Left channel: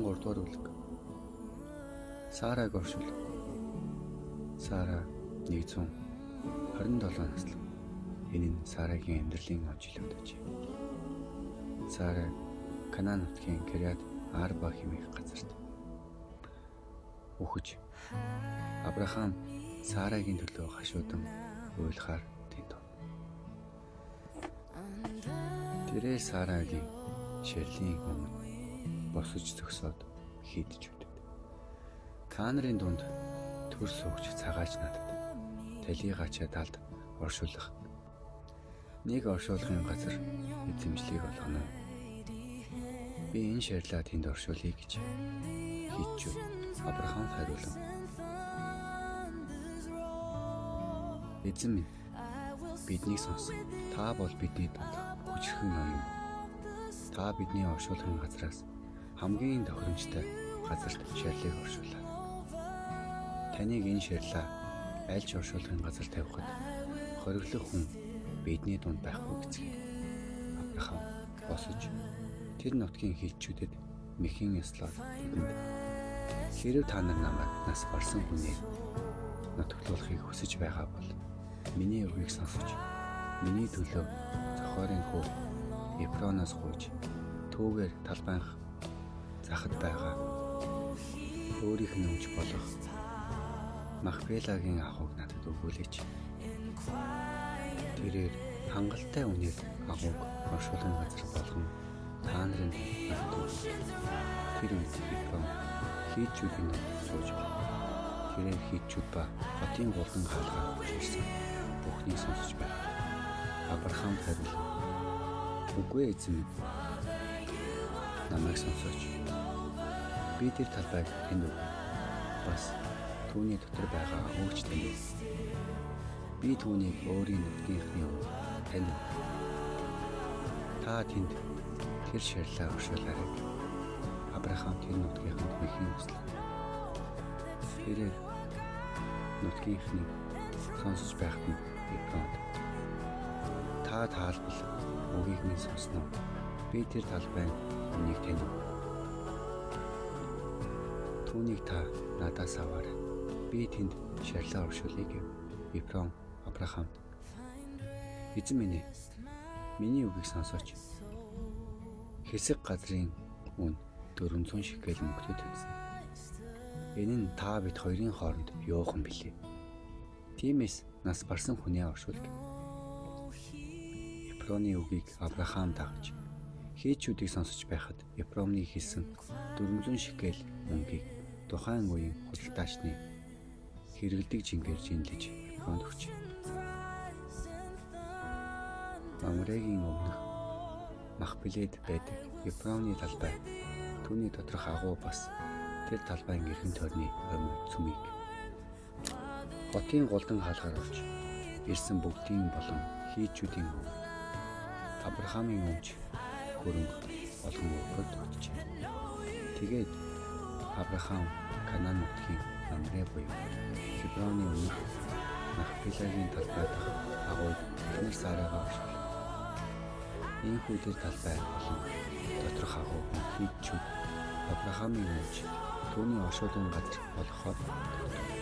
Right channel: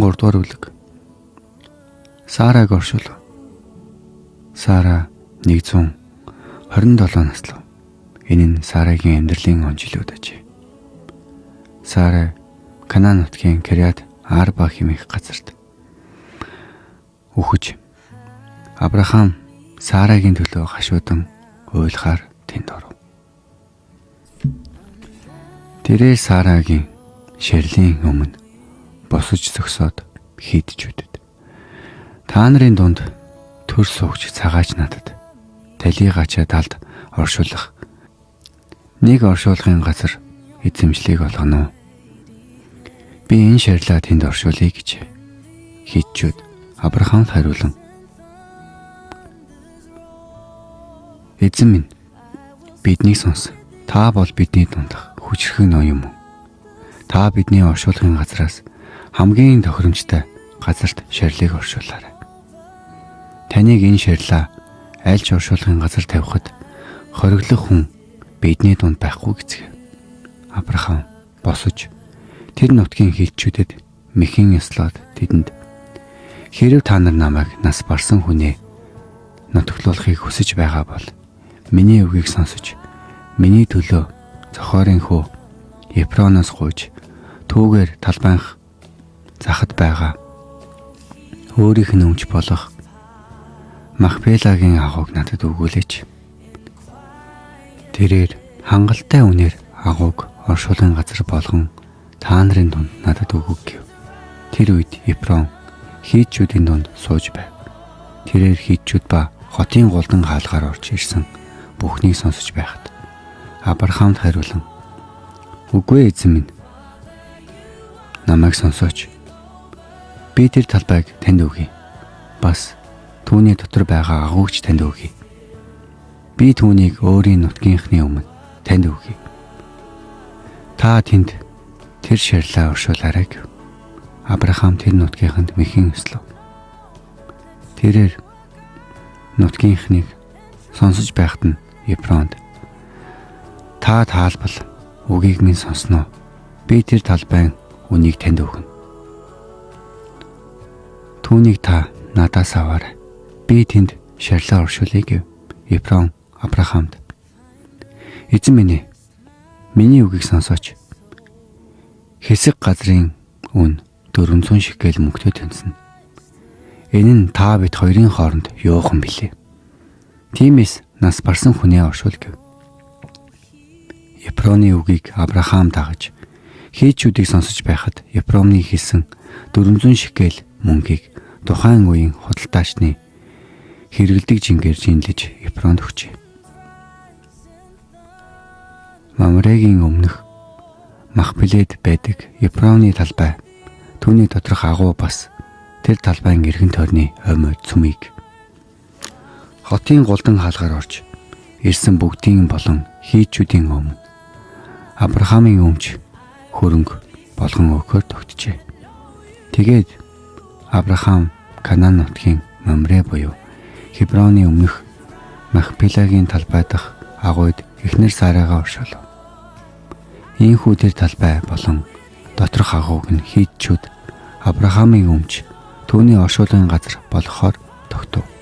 13 дугаар бүлэг. Сараг оршуулга. Сара 127 наслав. Энэ нь Сарагийн амьдралын он жилүүд ажээ. Сара Канаан нутгийн Кирьят Арба хэмээх газарт үхэж Авраам Сарагийн төлөө гашуудан уйлахаар тэнд оров. Тэрээр Сарагийн ширлийн өмнө босож зогсоод хийдэж үдэд. Та нарын дунд төр суугч цагаач надад талигачаа талд оршуулах нэг оршуулгын газар эзэмшлийг олгоно. Би энэ ширлаа тэнд оршуулъя гэж хийчүүд Авраамд хариулан, эзэн минь, биднийг сонс. Та бол бидний дундах хүчрхэн ноён юм. Та бидний оршуулгын газраас хамгийн тохиромжтой газарт ширлийг оршуулаарай. Таныг энэ ширлаа аль ч оршуулгын газар тавихад хориглох хүн бидний дунд байхгүй гэцгээв. Авраам босож тэр нутгийн хилчүүдэд мэхэн ёслоод тэдэнд, хэрв та нар намайг нас барсан хүнээ нутаглуулахыг хүсэж байгаа бол миний үгийг сонсож миний төлөө зохиорын хөө Ефроноос гуйж түүгээр талбайнх захад байгаа өөрийнх нь өмч болох Махпелагийн агууг надад өгүүлээч. Тэрээр хангалттай үнээр агууг оршуулгын газар болгон та нарын дунд надад өгөв гэв. Тэр үед Ефрон хийдчүүдийн дунд сууж байв. Тэрээр хийдчүүд ба хотын голдон хаалгаар орж ирсэн бүхнийг сонсож байхад Авраамд хариулан, үгүй эзэн минь, намайг сонсооч. Би тэр талбайг танд өгье. Бас түүний дотор байгаа агуугч танд өгье. Би түүнийг өөрийн нутгийнхны өмнө танд өгье. Та тэнд тэр ширлээ оршуулаарай гэв. Авраам тэр нутгийнханд мэхэн өслөв. Тэрээр нутгийнхныг сонсож байхад нь Ефронд, та таалбал үгийг минь сонсноо. Би тэр талбайн үнийг танд өгнө. Түүнийг та надаас аваарай. Би тэнд ширлээ оршуулъя гэв. Ефрон Авраамд, эзэн минь, миний үгийг сонсооч. Хэсэг газрын үн 400 шекел мөнгөтэй тэнсэн. Энэ нь та бид хоёрын хооронд юухан билээ. Тиймээс нас барсан хүнээ оршуул гэв. Ефроны үгийг Авраам дагаж хийдчүүдийг сонсож байхад Ефроны хэлсэн 400 шекел мөнгийг тухайн үеийн худалдаачны хэрэгэлдэг жингээр жинлэж Ефронд өгчээ. Мамрегийн өмнөх Махпелед байдаг Ефроны талбай, түүний доторх агуу бас тэр талбайн эргэн тойрны хоймойд цүмийг хотын голдон хаалгаар орж ирсэн бүгдийн болон хийдчүүдийн өмнө Авраамын өмч хөрөнгө болгон өгөхөөр тогтжээ. Тэгээд Авраам Канаан нутгийн Мамре буюу Хеброны өмнөх Махпелагийн талбай дах агуйд эхнэр Сарагаа оршуулв. Ийхүү тэр талбай болон доторх агууг нь хийдчүүд Авраамын өмч түүний оршуулгын газар болохоор тогтов.